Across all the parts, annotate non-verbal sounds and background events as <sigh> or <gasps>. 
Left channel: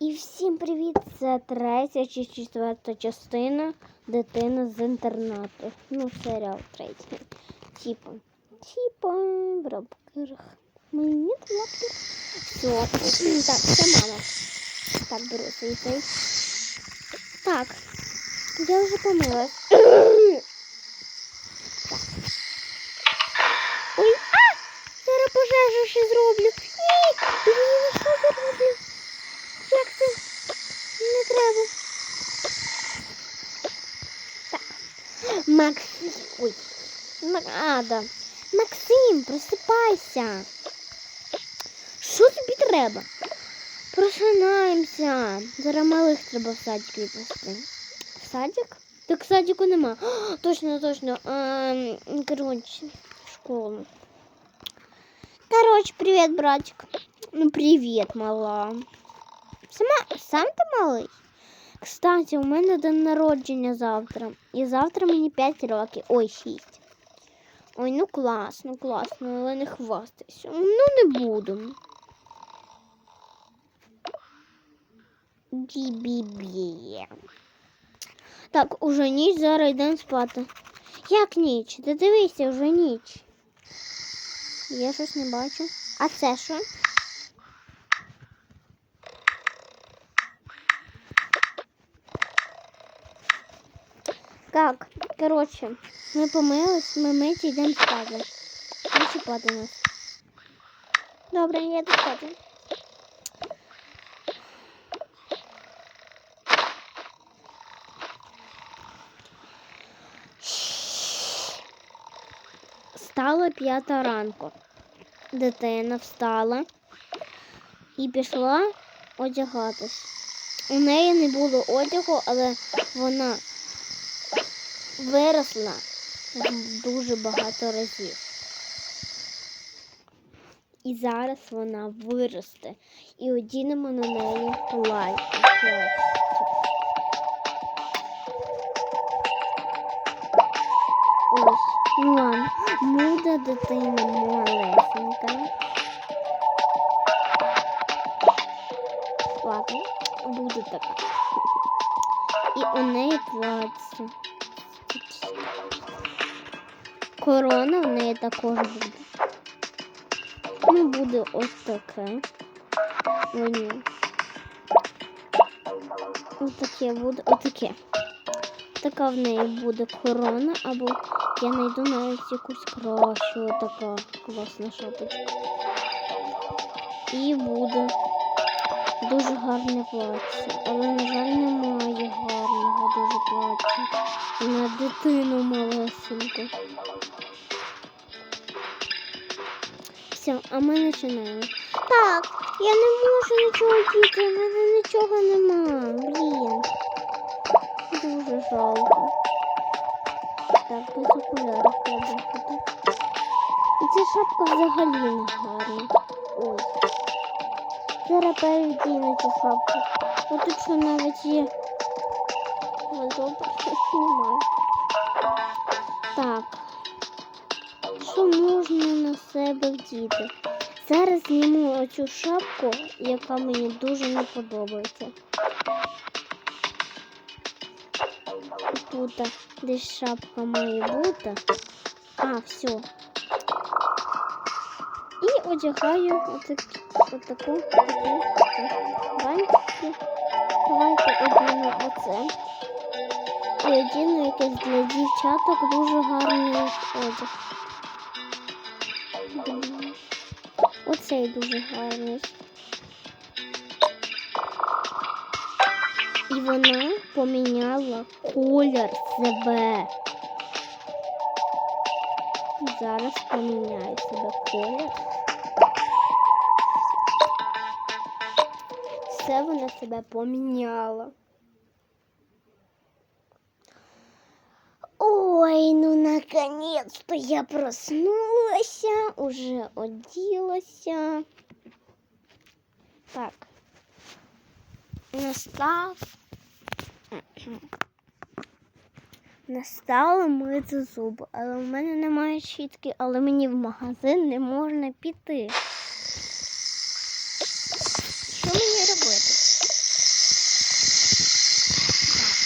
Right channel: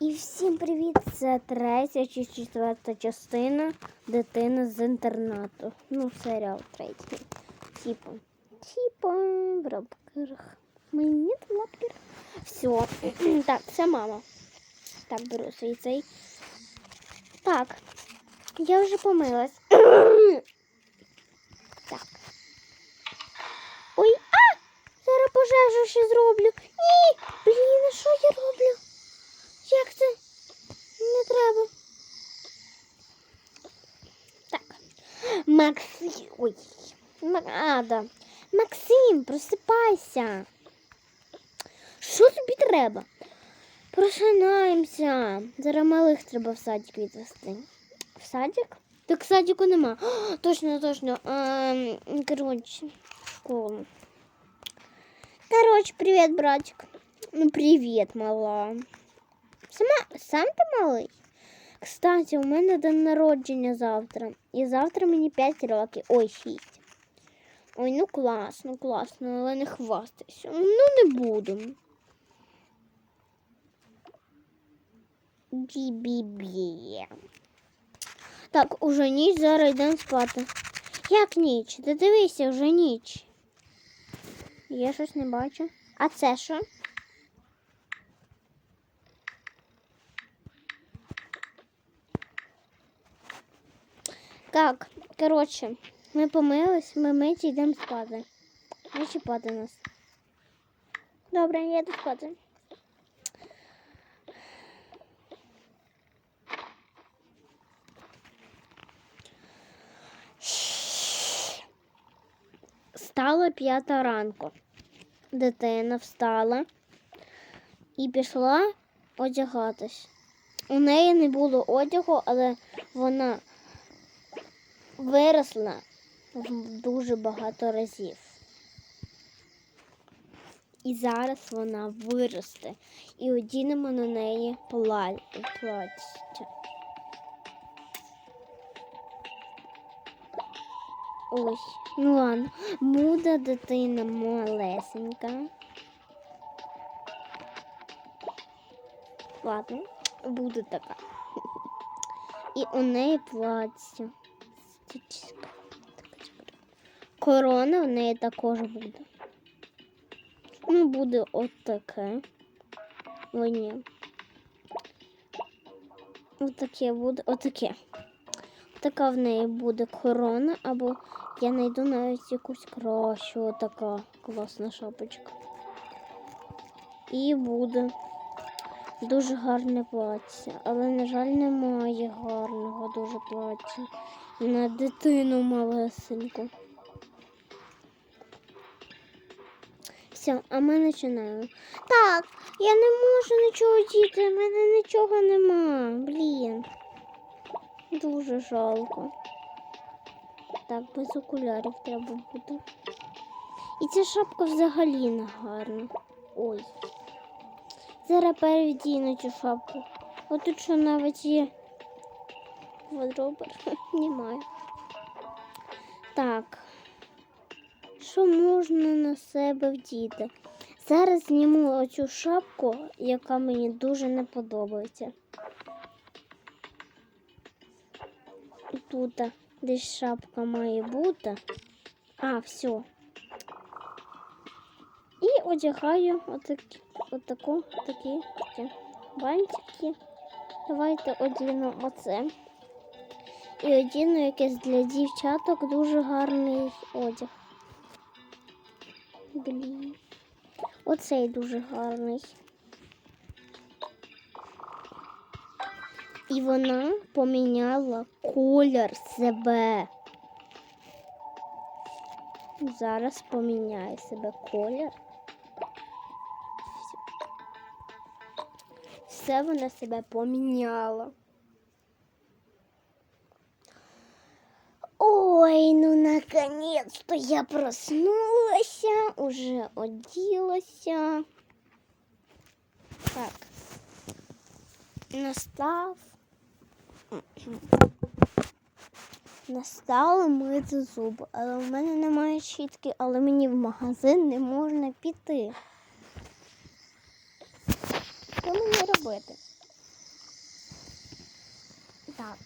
І всім привіт! Це третя чи четверта частина дитини з інтернату. Ну, серіал третій. Типа. Типа в рабках. Мені в рабках. Все. Так, це мама. Так, беру свій цей. Так. Я вже помилась. так. Ой, а! Зараз пожежу ще зроблю. Ні! Блін, що я роблю? Як це? Не треба. Так. Максим. Ой. Ма- А, да. Максим, просипайся. Що тобі треба? Просинаємося. Зараз малих треба в садик відвести. В садик? Так садику нема. О, <gasps> точно, точно. Ем, коротше, в школу. Короче, привет, братик. Ну, привет, мала. Сама, сам ти малий? Кстати, у мене день народження завтра. І завтра мені 5 років. Ой, 6. Ой, ну класно, класно, але не хвастайся. Ну, не буду. Бі-бі-бі. Так, уже ніч, зараз йдемо спати. Як ніч? Ти дивися, вже ніч. Я щось не бачу. А це що? Так, коротше, ми помились, ми миті йдемо спати. Не чіпати нас. Добре, я йду спати. Стала п'ята ранку. Дитина встала і пішла одягатись. У неї не було одягу, але вона виросла дуже багато разів. І зараз вона виросте і одінемо на неї плаття. Ось, ну ладно, буде дитина малесенька. Ладно, буде така. І у неї плаття. Корона в неї також буде. Ну, буде ось таке. Ой, ні. Отаке буде, отаке. Така в неї буде корона, або я знайду навіть якусь кращу, така класна шапочка. І буде дуже гарне плаття. Але, на жаль, немає гарного дуже плаття. На дитину малесеньку. Все, а ми починаємо. Так, я не можу нічого діти, в мене нічого нема. Блін. Дуже жалко. Так, без окулярів треба бути. І ця шапка взагалі не гарна. Ой. Зараз перевдіну цю шапку. Ось тут що навіть є. Добре, <laughs> немає. Так. Що можна на себе вдіти? Зараз зніму оцю шапку, яка мені дуже не подобається. Тут десь шапка має бути. А, все. І одягаю отак, отаку, такі бантики. Давайте одіну оце. І одіну якийсь для дівчаток дуже гарний одяг. Блін. Оцей дуже гарний. І вона поміняла колір себе. Зараз поміняю себе колір. Все вона себе поміняла. Ну, наконец-то я проснулася, уже оділася. Так, настав. Настало мити зуби, але в мене немає щітки, але мені в магазин не можна піти. Що мені робити? Так,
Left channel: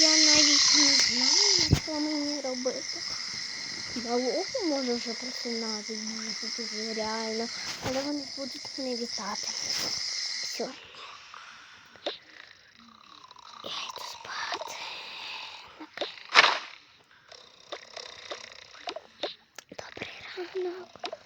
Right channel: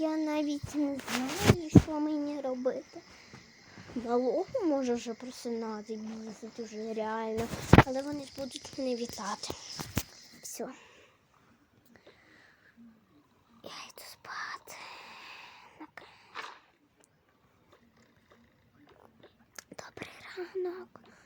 я навіть не знаю що мені робити. Налогу може вже просинати, дуже дуже реально, але вони будуть не вітати. Все. Я йду спати. Добрий ранок.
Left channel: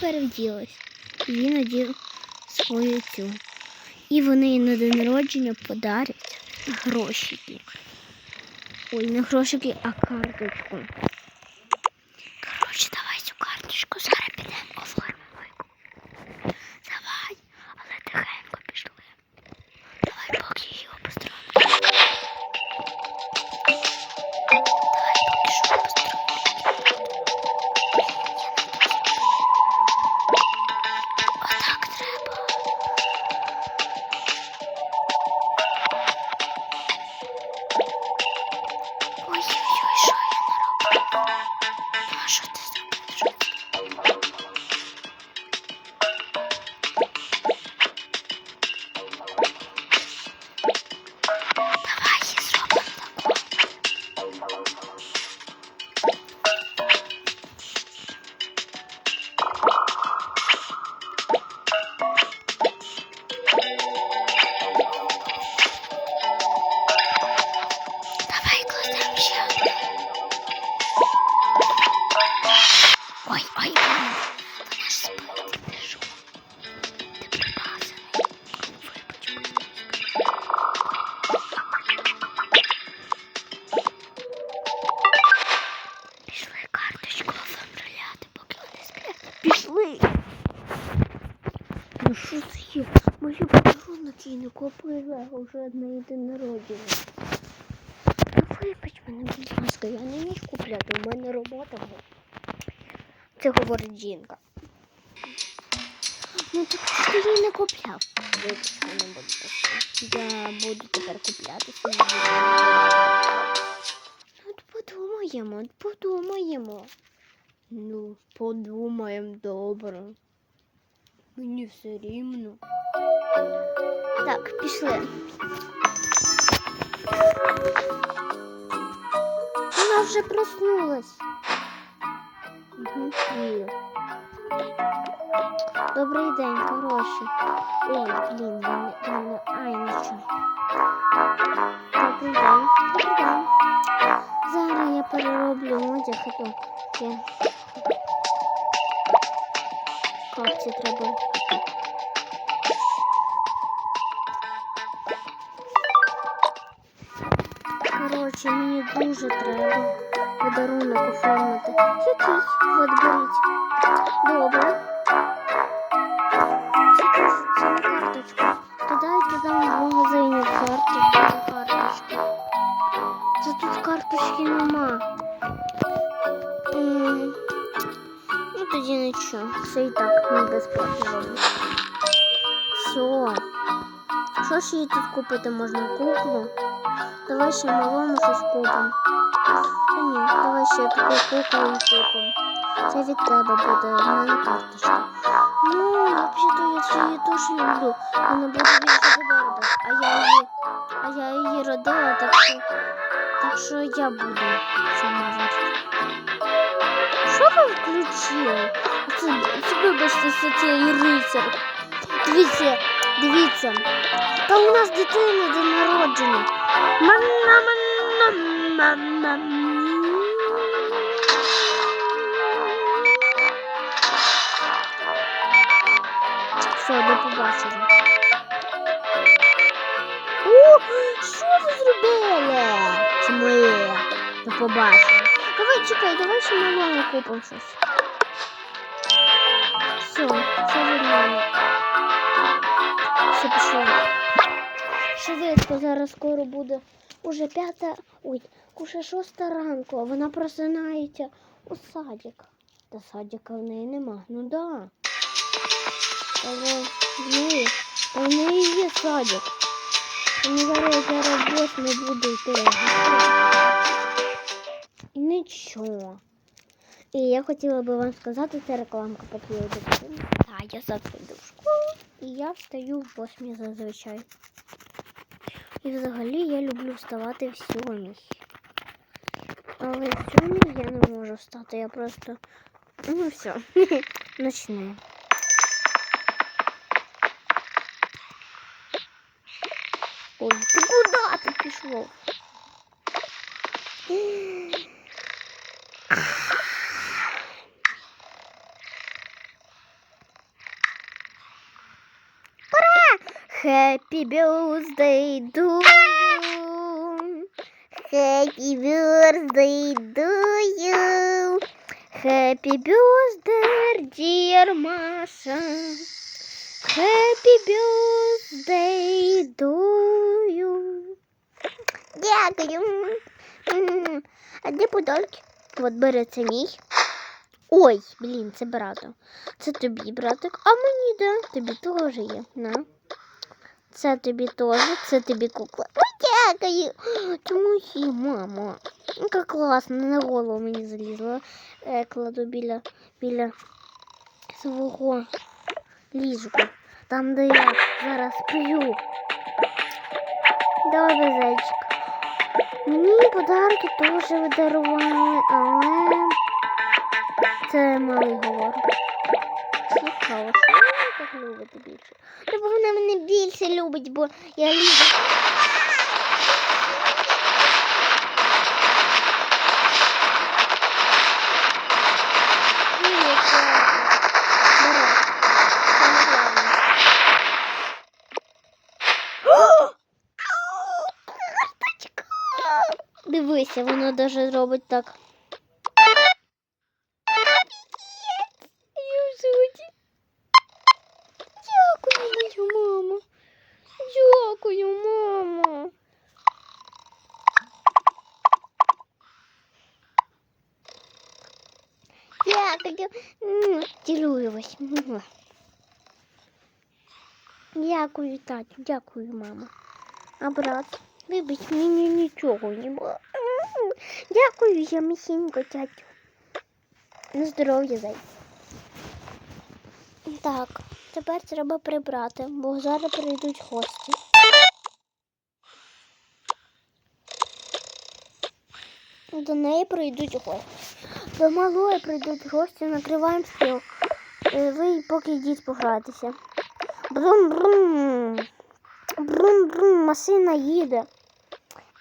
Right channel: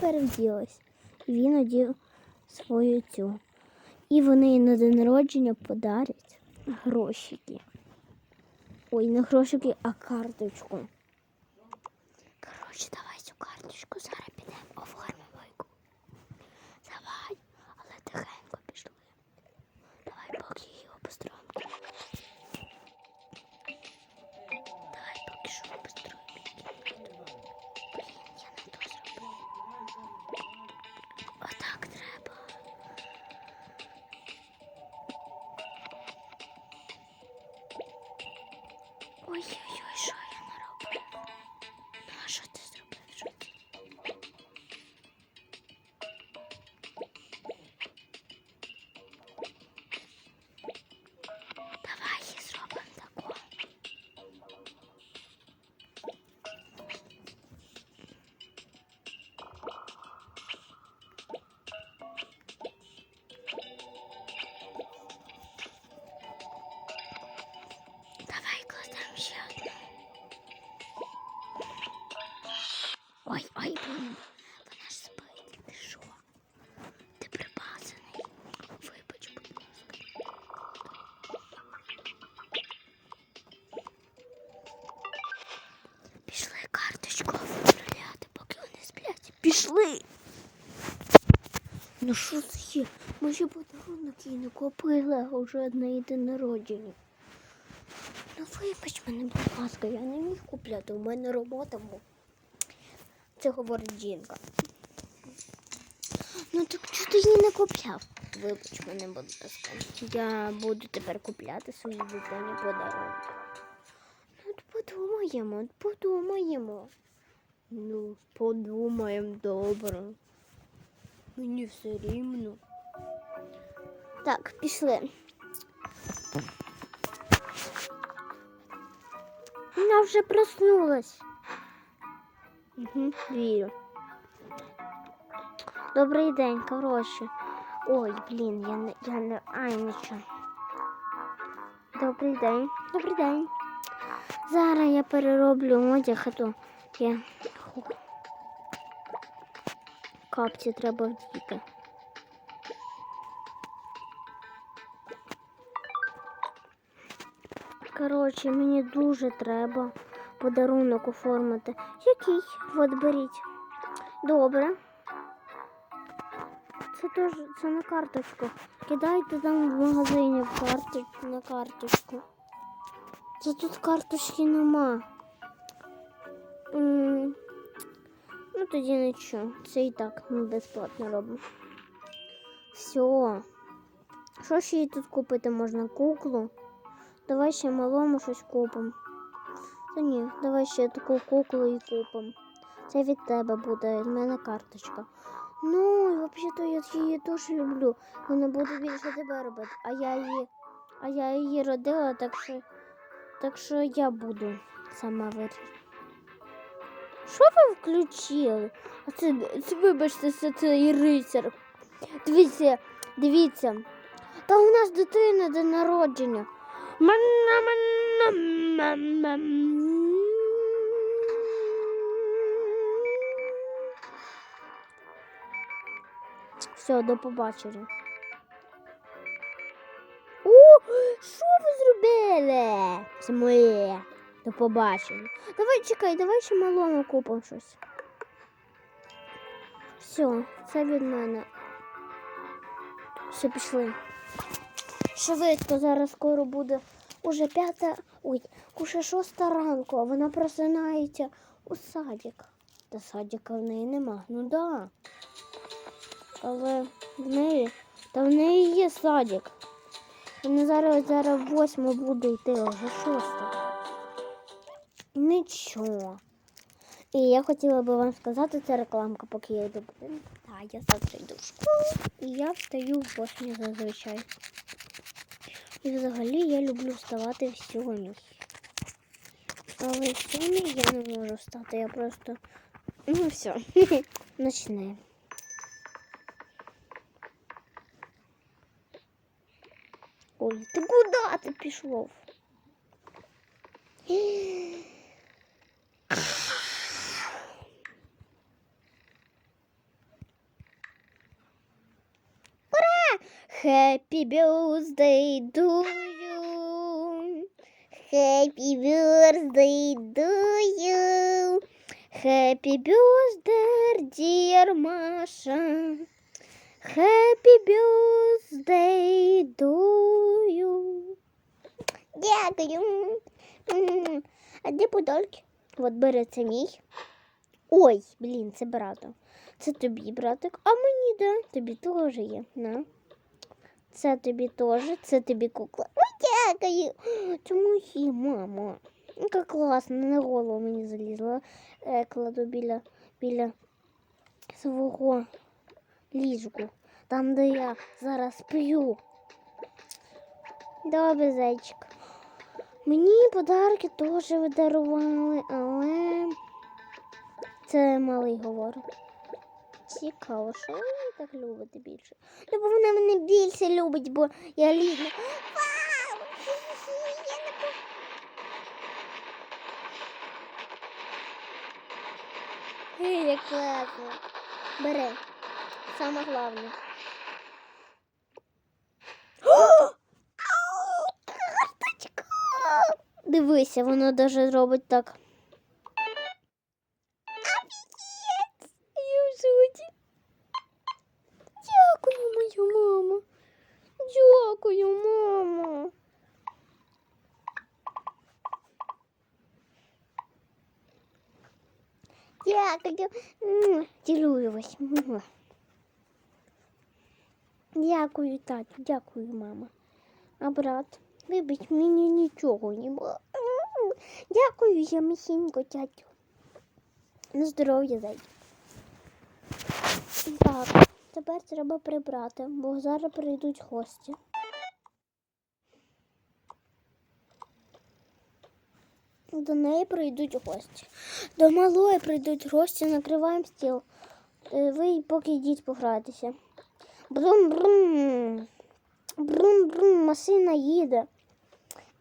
Вони. Він одів свою цю. І вони на день народження подарять грошики. Ой, не грошики, а карточку. Вже день народження. Ну вибач мене, будь ласка, я не міг купляти, у мене робота була. Це говорить жінка. Ну так ти її не купляв. Вибач мене, будь ласка. Я буду тепер купляти. Ну, от подумаємо, от подумаємо. Ну, подумаємо добре. Мені все рівно. Так, пішли. Вона вже проснулась. Угу, вірю. Добрий день, хороший. Ой, блін, я не, я не. Добрий день, добрий день. Зараз я перероблю одяг, а то я капці треба Коротше, мені дуже треба подарунок оформити. Якийсь, от беріть. Добре. Це це не карточка. То дайте там в магазині карточку на карточку. Це тут карточки нема. М, Ну тоді нічого. Це і так не безплатно роблю. Все. Що ж їй тут купити можна? Куклу? Давай ще малому щось купимо. Та ні, давай ще таку куклу купимо. Це від тебе буде, в мене карточка. Ну, взагалі-то я ж її теж люблю. Вона буде більше тебе. А я її, а я її родила, так що, так що я буду сама робити. Що ви включили? Це, це вибачте, це цей рицар. Дивіться, дивіться. Та у нас дитина день народження. Манна, манна, манна. Все, до побачення. О, що ви зробили? Ми до побачення. Давай чекай, давай ще малому купимо щось. Все, все вернули. Все пішло. Швидко, зараз скоро буде уже п'ята, ой, уже шоста ранку, а вона просинається у садик. Та садика в неї нема. Ну да. Але в неї, та в неї є садик. Мені зараз зараз восьми буде йти. Нічого. І я хотіла би вам сказати, це рекламка, поки я йду. Так, я завтра йду в школу. І я встаю в восьмій зазвичай. І взагалі я люблю вставати в сьомій. Але в сьомій я не можу встати, я просто. Ну все, начну. <laughs> Ой, ти куди ти пішов? Happy birthday to you. Happy birthday to you. Happy birthday, dear Маша. Happy birthday to you. Дякую. А де подарки? От бери це мій. Ой, блін, це брата. Це тобі, братик. А мені да, тобі теж є. На. Це тобі теж, це тобі кукла. Ой, дякую. Це мої, мама. Яка класно, на голову мені залізла. Е, кладу біля, біля свого ліжку. Там, де я зараз сплю. Добре, зайчик. Мені подарки теж видарували, але це малий говорить. Цікаво, так любите більше? Та вона мене більше любить, бо я люблю. Дивися, воно даже робить так. Дякую, мою маму. Дякую, мамо. Дякую. М, Цілую вас. Муа. Дякую, тату, дякую, мама. А брат, вибач, мені нічого не було. М, Дякую, я місінько, тятю. На здоров'я, зай. Так, Тепер треба прибрати, бо зараз прийдуть гості. До неї прийдуть гості. До малої прийдуть гості, накриваємо стіл. Е, Ви поки йдіть погратися. Брум-брум. Брум-брум, машина їде.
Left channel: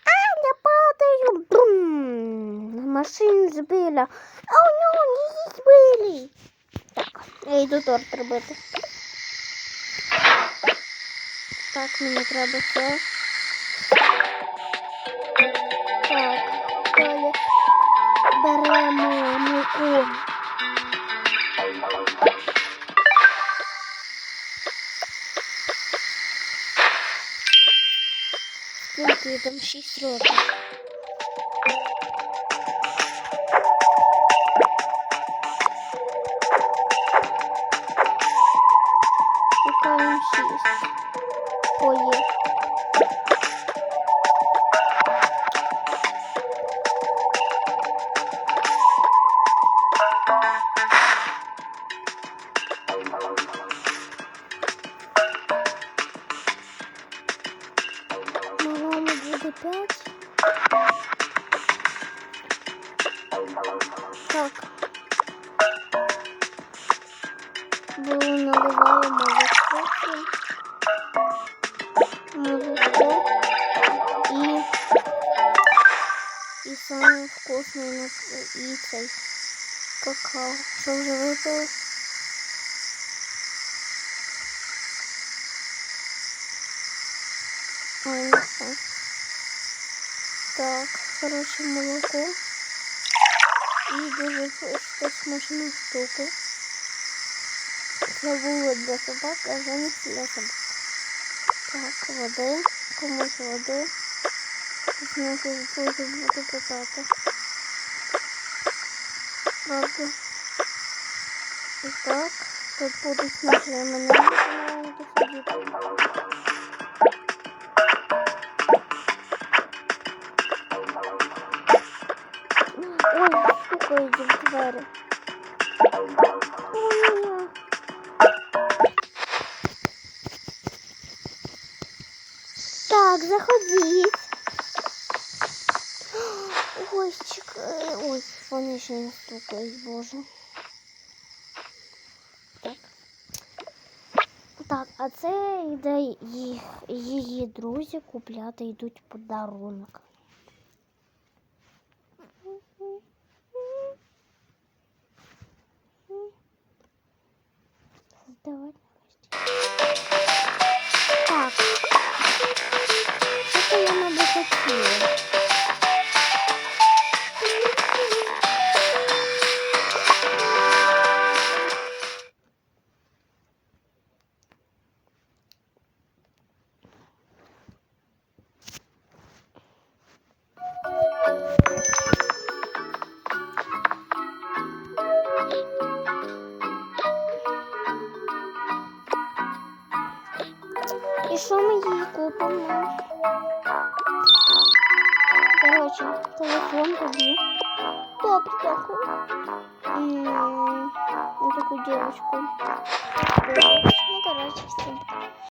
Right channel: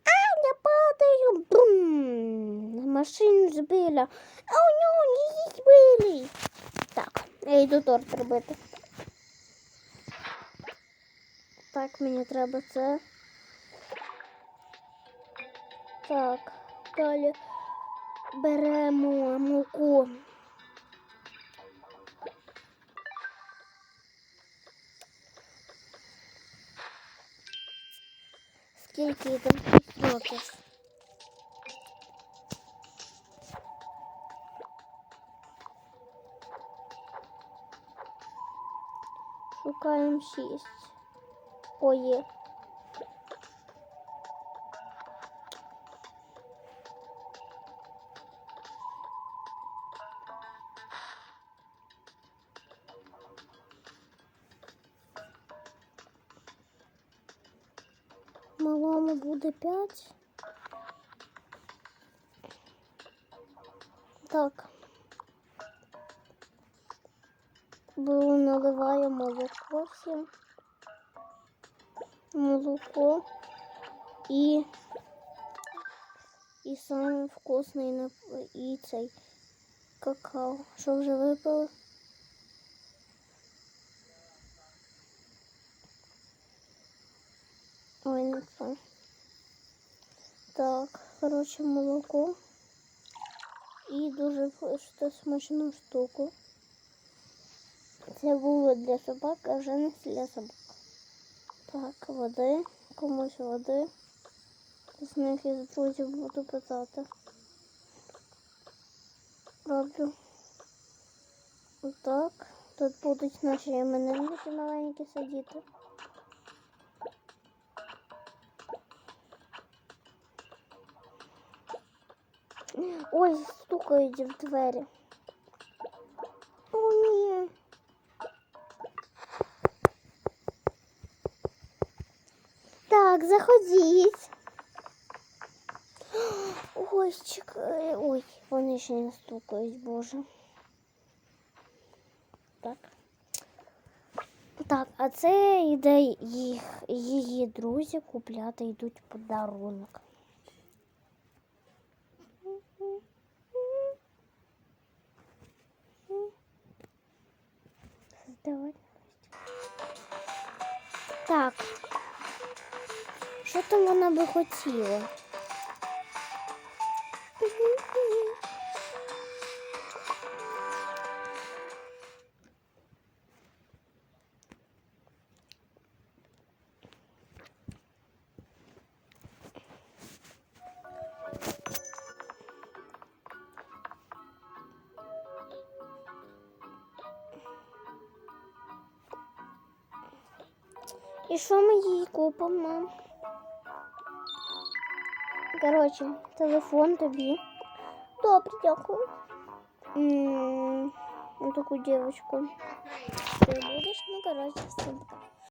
А, я падаю. Брум. Машину збила. А у нього її збили. Так, я йду торт робити. Так, мені треба це. Так, далі беремо муку. Скільки їй там 6 років. опять. Так. Було наливаємо високу. Молоко і, И саме вкусний і цей какао. Що вже випили? Ой, не все. Так, хороше молоко. І дуже смачну штуку. Забула для собак, а не для собак. Так, води, комусь води. Знову дуже буду питати. Правда. І так, тут будуть наші іменинники маленькі сидіти. В двері. Ой, Так, заходіть. Ой, чекай. Ой, вони ще не стукають, боже. Так. Так, а це йде їх, її друзі купляти йдуть подарунок. сама. Короче, телефон тобі. Добре, приехал. М на таку девочку. Ну, короче, всім.